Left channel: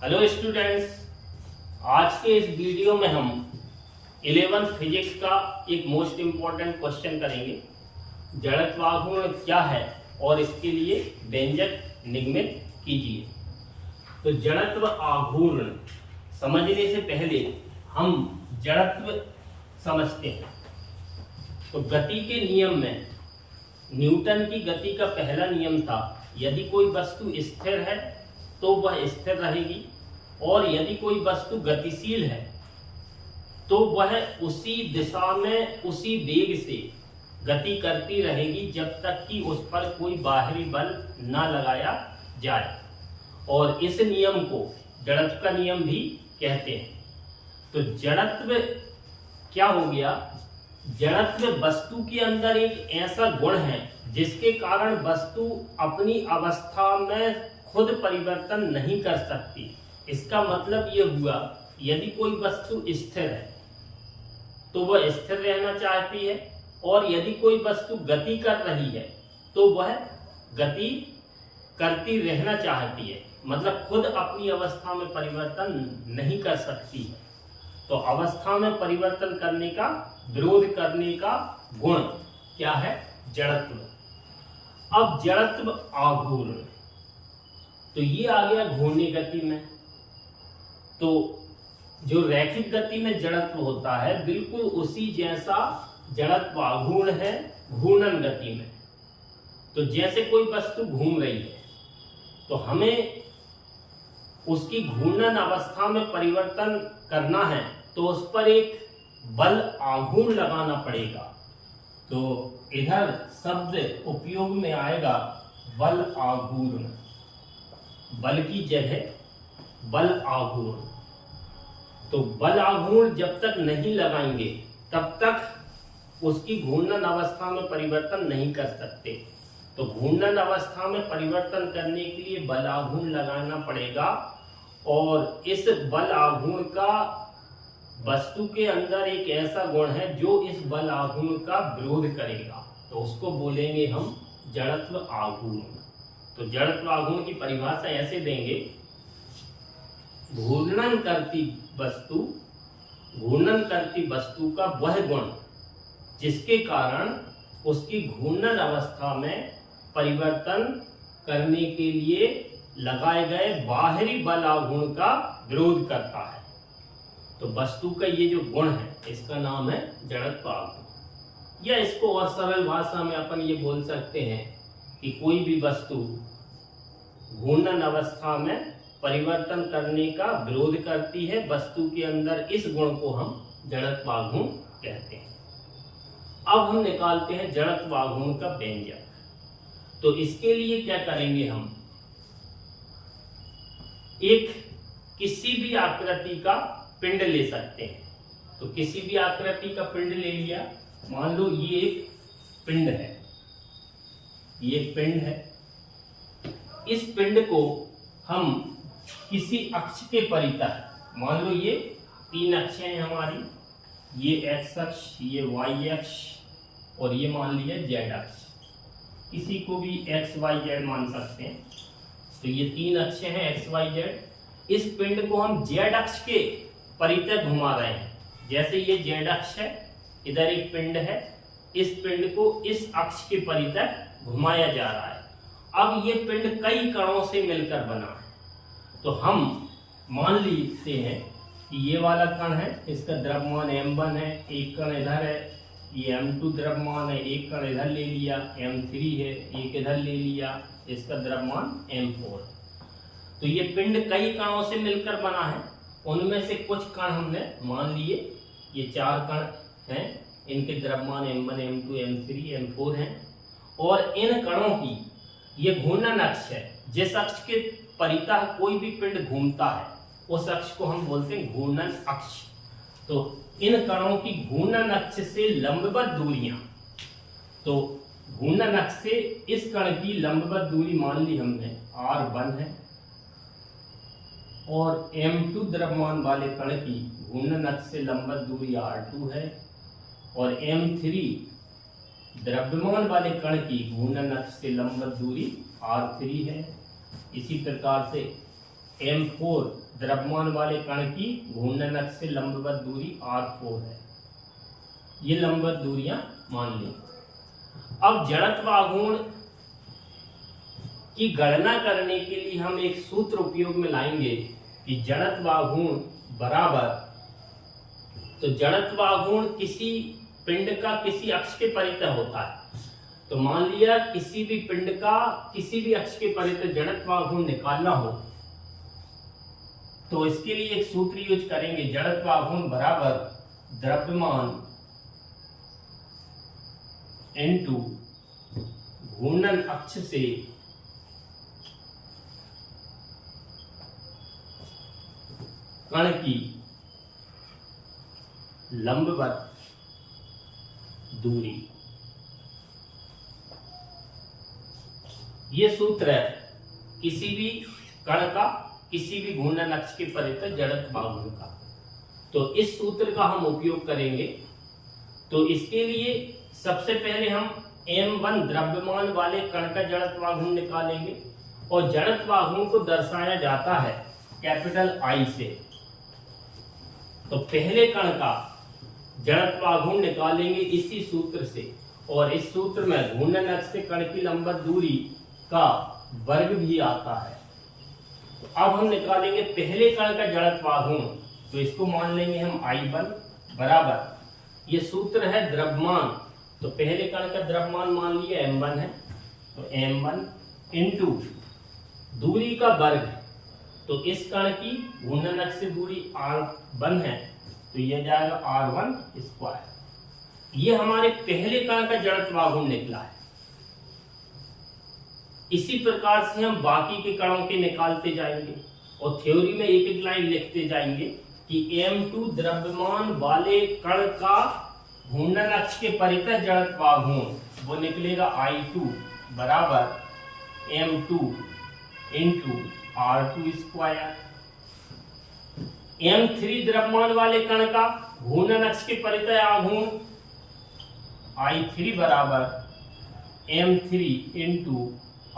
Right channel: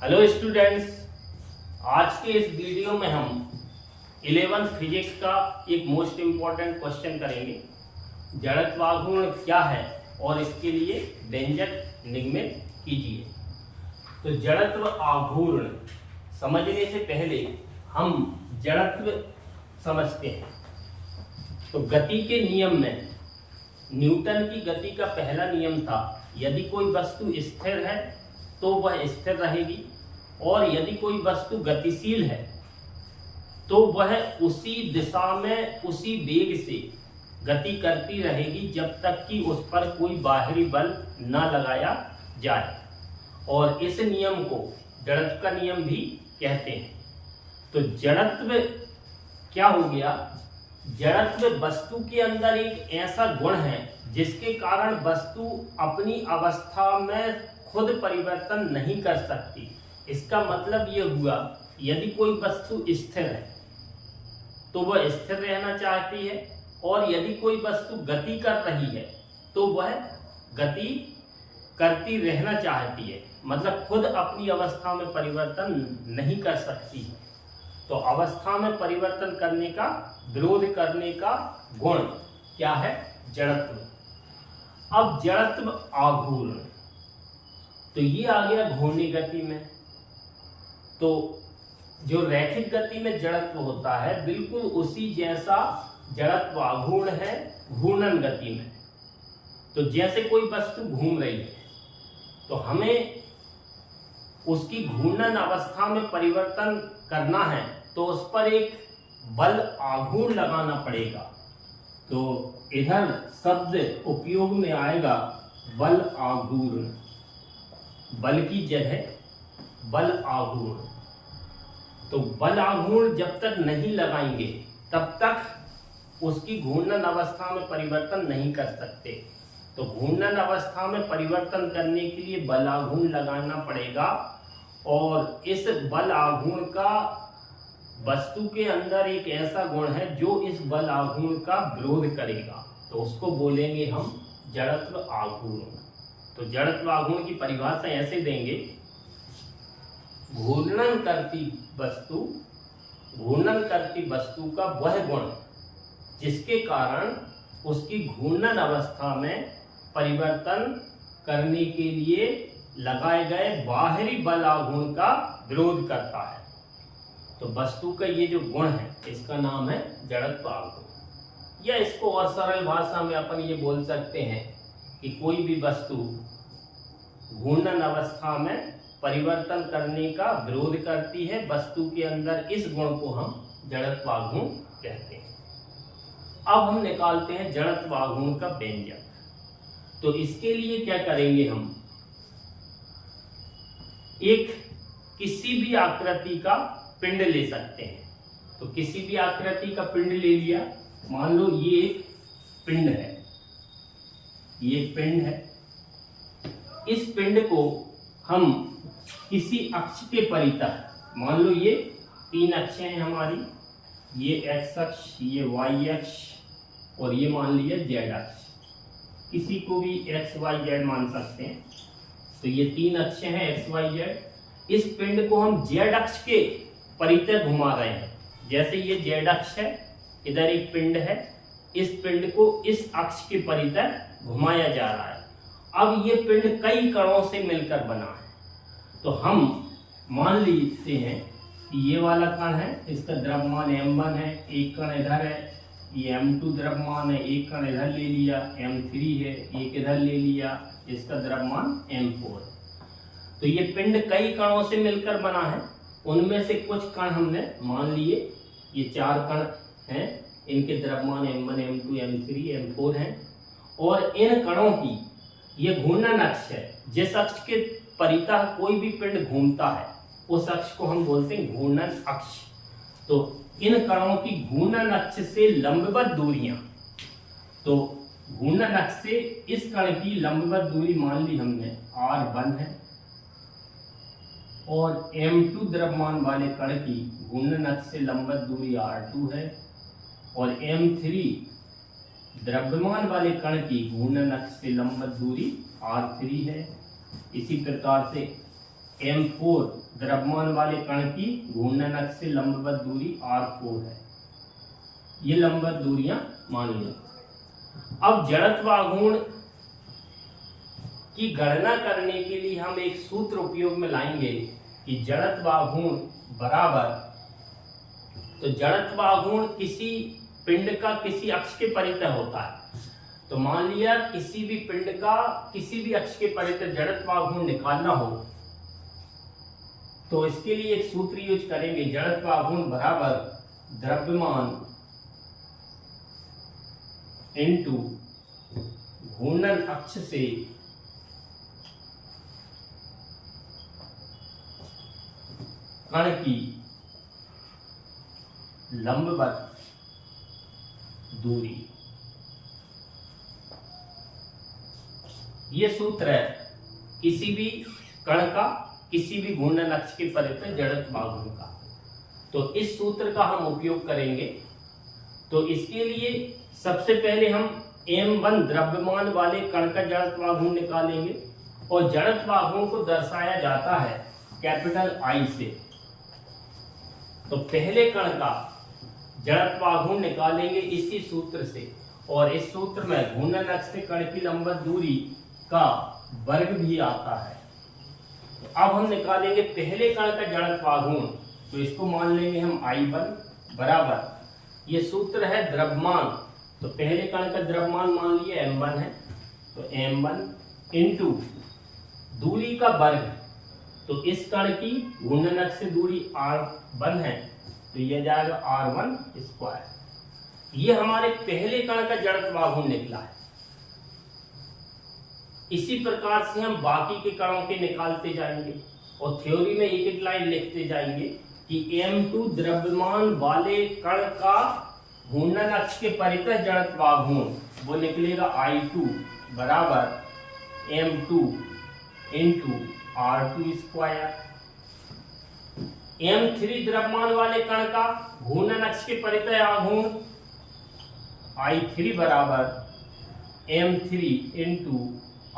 Hello students, आज के इस वीडियो में हम 11th फिजिक्स का एक मोस्ट इम्पॉर्टेंट क्वेश्चन करेंगे। जड़त्वाघूर्ण क्या है और इसके लिए व्यंजक निगमित कीजिए। तो जड़त्व आघूर्ण समझने से पहले हम जड़त्व समझते हैं। तो गति के नियम में न्यूटन की गति का पहला नियम था, यदि कोई वस्तु स्थिर है तो वह स्थिर रहेगी और यदि कोई वस्तु गतिशील है तो वह उसी दिशा में उसी वेग से गति करती रहेगी जब तक कि उस पर कोई बाहरी बल न लगाया जाए। और इस नियम को जड़त्व का नियम भी कहते हैं। तो जड़त्व क्या हो गया? जड़त्व वस्तु के अंदर एक ऐसा गुण है जिसके कारण वस्तु अपनी अवस्था में खुद परिवर्तन नहीं कर सकती। इसका मतलब ये हुआ, यदि कोई वस्तु स्थिर है तो वह स्थिर रहना चाहती है और यदि कोई वस्तु गति कर रही है तो वह गति करती रहना चाहती है, मतलब खुद अपनी अवस्था में परिवर्तन नहीं कर सकती है। तो अवस्था में परिवर्तन करने का, विरोध करने का गुण क्या है? जड़त्व। अब जड़त्व आघूर्ण, तो ये आ गया घूर्णी गति में। तो जो रैखिक गति में जड़त्व होता है बिल्कुल उसी जैसा जड़त्व आघूर्ण है घूर्णन गति में। तो जैसे कोई वस्तु घूम रही है तो हमें उसकी घूर्णन अवस्था में परिवर्तन करना है तो उस पर एक बल आघूर्ण लगाना पड़ेगा। तो इधर शब्द उपयोग में आएगा बल आघूर्ण, बल की जगह बल आघूर्ण। तो बल आघूर्ण जब तक नहीं लगाएंगे तब तक उसकी घूर्णन अवस्था में परिवर्तन नहीं कर सकते। तो घूर्णन अवस्था में परिवर्तन करने के लिए बल आघूर्ण लगाना पड़ेगा और इस बल आघूर्ण का वस्तु के अंदर एक ऐसा गुण है जो इस बल आघूर्ण का विरोध करेगा। तो उसको बोलेंगे हम जड़त्व आघूर्ण। तो जड़त्व आघूर्ण की परिभाषा ऐसे देंगे, घूर्णन करती वस्तु का वह गुण जिसके कारण उसकी घूर्णन अवस्था में परिवर्तन करने के लिए लगाए गए बाहरी बल आघूर्ण का विरोध करता है। तो वस्तु का ये जो गुण है इसका नाम है जड़त्व आघूर्ण। या इसको और सरल भाषा में अपन ये बोल सकते हैं कि कोई भी वस्तु घूर्णन अवस्था में परिवर्तन करने का विरोध करती है, वस्तु के अंदर इस गुण को हम जड़त्व आघूर्ण कहते हैं। अब हम निकालते हैं जड़त्व आघूर्ण का व्यंजक। तो इसके लिए क्या करेंगे, हम एक किसी भी आकृति का पिंड ले सकते हैं। तो किसी भी आकृति का पिंड ले लिया, मान लो ये एक पिंड है, ये एक पिंड है। इस पिंड को हम किसी अक्ष के परितः, मान लो ये तीन अक्षें हैं हमारी, ये एक्स अक्ष, ये वाई अक्ष और ये मान लिया जेड अक्ष। किसी को भी एक्स वाई जेड मान सकते हैं। तो ये तीन अक्षें हैं एक्स वाई जेड। इस पिंड को हम जेड अक्ष के परितः घुमा रहे हैं। जैसे ये जेड अक्ष है, इधर एक पिंड है, इस पिंड को इस अक्ष के परितः घुमाया जा रहा है। अब ये पिंड कई कणों से मिलकर बना है। तो हम मान लेते हैं कि ये वाला कण है, इसका द्रव्यमान m1 है, एक कण इधर है, ये m2 द्रव्यमान है, एक कण इधर ले लिया, m3 है, एक इधर ले लिया, इसका द्रव्यमान m4 है। तो ये पिंड कई कणों से मिलकर बना है। उनमें से कुछ कण हमने मान लिए, ये चार कण हैं, इनके द्रव्यमान m1 m2 m3 m4 हैं। और इन कणों की ये घूर्णन अक्ष है, जिस अक्ष के परितः कोई भी पिंड घूमता है उस अक्ष को हम बोलते हैं घूर्णन अक्ष। तो इन कणों की घूर्णन अक्ष से लंबवत दूरियां, तो घूर्णन अक्ष से इस कण की लंबवत दूरी मान ली हमने r1 है और m2 द्रव्यमान वाले कण की घूर्णन अक्ष से लंबवत दूरी r2 है और m3 द्रव्यमान वाले कण की घूर्णन अक्ष से लंबवत दूरी r3 है। इसी प्रकार से M4 द्रव्यमान वाले कण की घूर्णन अक्ष से लंबवत दूरी R4 है। ये लंबवत दूरियां मान ली। अब जड़त्व आघूर्ण की गणना करने के लिए हम एक सूत्र उपयोग में लाएंगे कि जड़त्व आघूर्ण बराबर, तो जड़त्व आघूर्ण किसी पिंड का किसी अक्ष के परितः होता है। तो मान लिया किसी भी पिंड का किसी भी अक्ष के परितः जड़त्व आघूर्ण निकालना हो तो इसके लिए एक सूत्र यूज करेंगे, जड़त्व आघूर्ण बराबर द्रव्यमान इनटू घूर्णन अक्ष से कण की लंबवत दूरी। ये सूत्र है किसी भी कण का किसी भी घूर्णन अक्ष के परितः जड़त्व आघूर्ण का। तो इस सूत्र का हम उपयोग करेंगे। तो इसके लिए सबसे पहले हम M1 द्रव्यमान वाले कण का जड़त्व आघूर्ण निकालेंगे और जड़त्व आघूर्ण को दर्शाया जाता है कैपिटल I से। तो पहले कण का जड़त्व आघूर्ण निकालेंगे इसी सूत्र से, और इस सूत्र में घूर्णन अक्ष से कण की लंबवत दूरी का वर्ग भी आता है। तो अब हम निकालेंगे पहले कण का जड़त्व आघूर्ण, तो इसको मान लेंगे हम I1 बराबर, ये सूत्र है द्रव्यमान, तो पहले कण का द्रव्यमान मान लिया M1 है, तो M1 इंटू दूरी का वर्ग, तो इस कण की घूर्णन अक्ष से दूरी R1 है, तो ये जाएगा R1 स्क्वायर। ये हमारे पहले कण का जड़त्व आघूर्ण निकला है। इसी प्रकार से हम बाकी के कणों के निकालते जाएंगे और थ्योरी में एक एक लाइन लिखते जाएंगे कि M2 द्रव्यमान वाले कण का घूर्णन अक्ष के परितः जड़त्व आघूर्ण वो निकलेगा I2 बराबर M2 into R2 square. M3 द्रव्यमान वाले कण का घूर्णन अक्ष के परितः आघूर्ण I3 बराबर M3 इंटू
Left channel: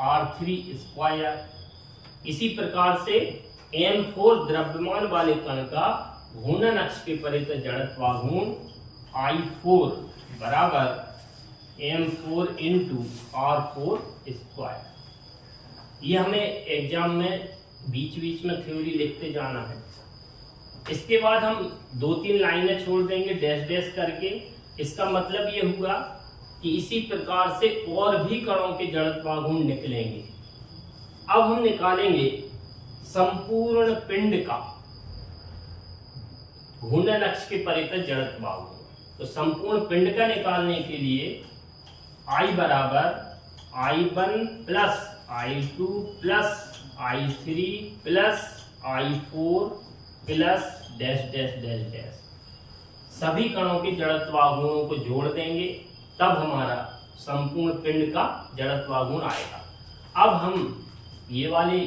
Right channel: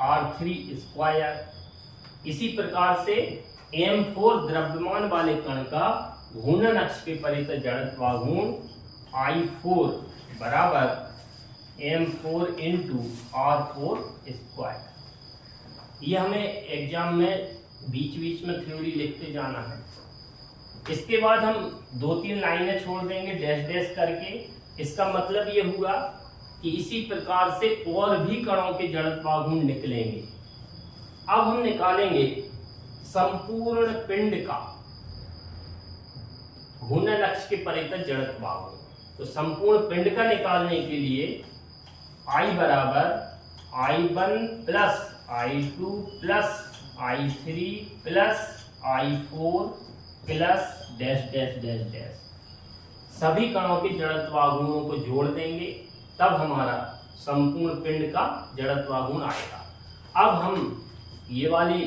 R3 स्क्वायर। इसी प्रकार से M4 द्रव्यमान वाले कण का घूर्णन अक्ष के परितः जड़त्व आघूर्ण I4 बराबर M4 इंटू R4 स्क्वायर। ये हमें एग्जाम में बीच बीच में थ्योरी लिखते जाना है। इसके बाद हम 2-3 लाइनें छोड़ देंगे डैश डैश करके। इसका मतलब ये हुआ कि इसी प्रकार से और भी कणों के जड़त्व आघूर्ण निकलेंगे। अब हम निकालेंगे संपूर्ण पिंड का घूर्णन अक्ष के परितः जड़त्व आघूर्ण। तो संपूर्ण पिंड का निकालने के लिए I बराबर I1 plus I2 plus I3 plus I4 plus dash dash dash dash, सभी कणों के जड़त्व आघूर्णों को जोड़ देंगे, तब हमारा संपूर्ण पिंड का जड़त्व आघूर्ण आएगा। अब हम ये वाले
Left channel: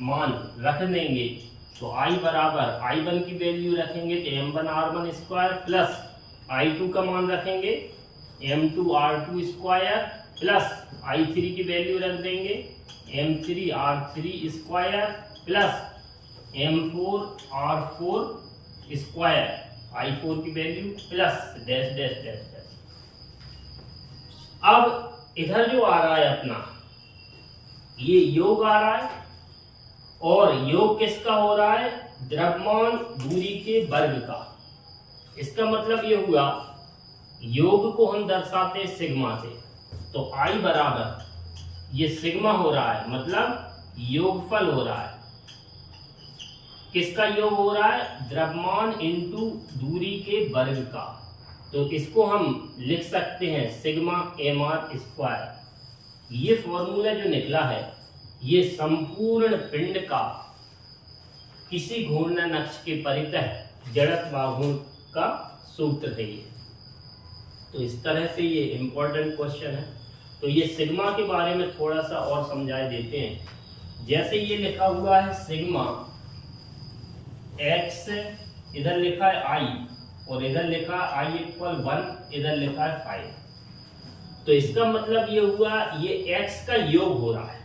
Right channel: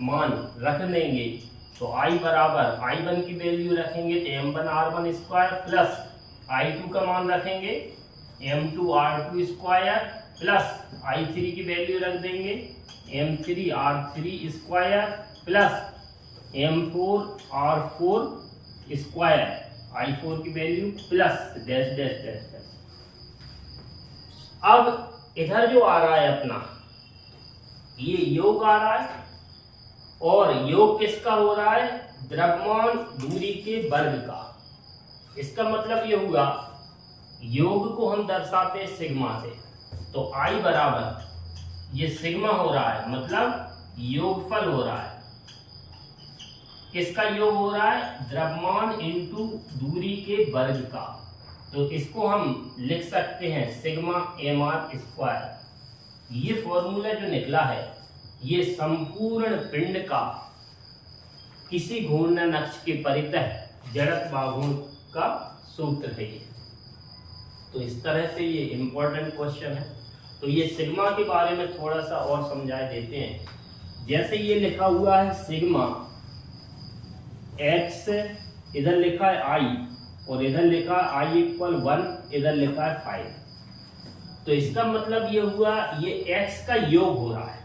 मान रख देंगे, तो I बराबर I1 की वैल्यू रखेंगे तो M1 R1 square plus I2 का मान रखेंगे M2 R2 square plus I3 की वैल्यू रख देंगे M3 R3 square plus M4 R4 square, I4 की value plus dash dash dash dash. अब इधर जो आ रहा है अपना ये योग आ रहा है, और योग किसका हो रहा है? द्रव्यमान दूरी के वर्ग का। इसका मतलब ये हुआ योग को हम दर्शाते हैं सिग्मा से, तो I बराबर ये सिग्मा हो रहा है, मतलब योगफल हो रहा है। किसका योग हो रहा है? द्रव्यमान इंटू दूरी के वर्ग का। तो इसको हम लिख सकते हैं सिग्मा mr स्क्वायर। ये फॉर्मूला जो निकला है ये संपूर्ण पिंड का किसी घूर्णन अक्ष के परितः जड़त्व आघूर्ण का सूत्र है ये। तो इस तरह से ये इंपॉर्टेंट क्वेश्चन है। तो ये सिग्मा के बारे में थोड़ा सा और समझा देते हैं। जैसे ये लिखा हुआ है सिग्मा x, इधर लिखा है I और इधर लिखा है I इक्वल 1, इधर लिखा है 5। तो इसका मतलब ये हुआ ये x का योग हो रहा है,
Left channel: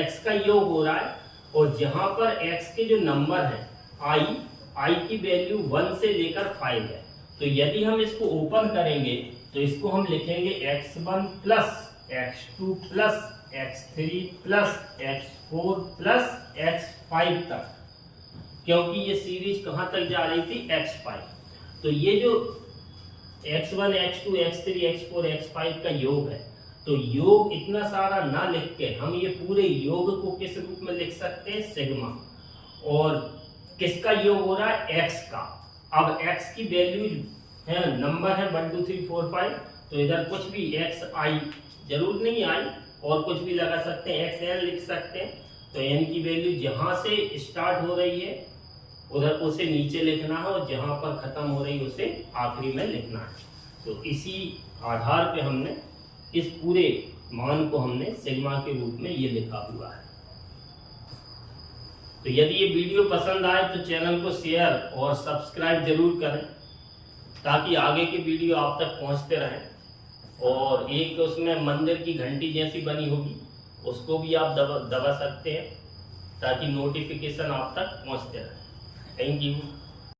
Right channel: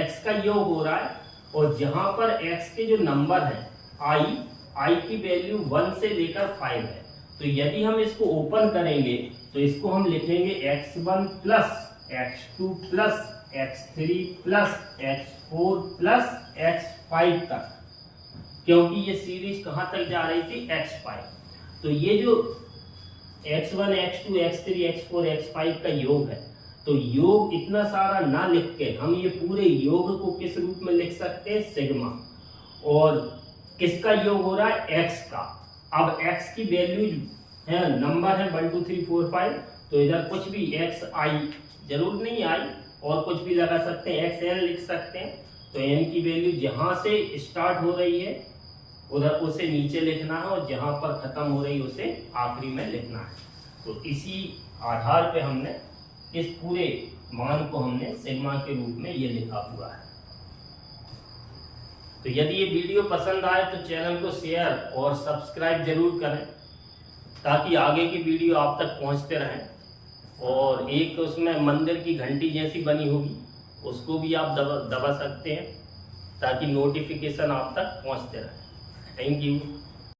x का योग हो रहा है और जहां पर x के जो नंबर है i की वैल्यू 1 से लेकर 5 है। तो यदि हम इसको ओपन करेंगे तो इसको हम लिखेंगे x1 plus x2 plus x3 plus x4 plus x5 तक, क्योंकि ये सीरीज कहां तक जा रही थी, x5। तो ये जो x1 x2 x3 x4 x5 का योग है, तो योग इतना सारा ना लिख के हम ये पूरे योग को किस रूप में लिख सकते हैं, सिग्मा। और किसका योग हो रहा है, x का। अब x की वैल्यू है, नंबर है 1 2 3 4 5, तो इधर कुछ भी x i जरूर नहीं आई, और कुछ भी लगा सकते हैं, xn लिख सकते हैं। तो n की वैल्यू जहां से स्टार्ट हो रही है उधर उसे नीचे लिखना है, और जहां पर खत्म हो रही है उसे आखिरी में लिखना है। तो इसी आधार पे हमने इस पूरे मान को हमने सिग्मा के रूप में ये लिखा हुआ है। तो यदि ये वीडियो पसंद आए तो चैनल को शेयर और सब्सक्राइब जरूर करें, ताकि आगे की वीडियो आप तक पहुंचते रहें। और एक तो उसमें मंदिर की घंटी जैसी बनी होगी, उसको भी आप दबा सकते हैं, ताकि नोटिफिकेशन आप तक पहुंचते रहे। Thank you.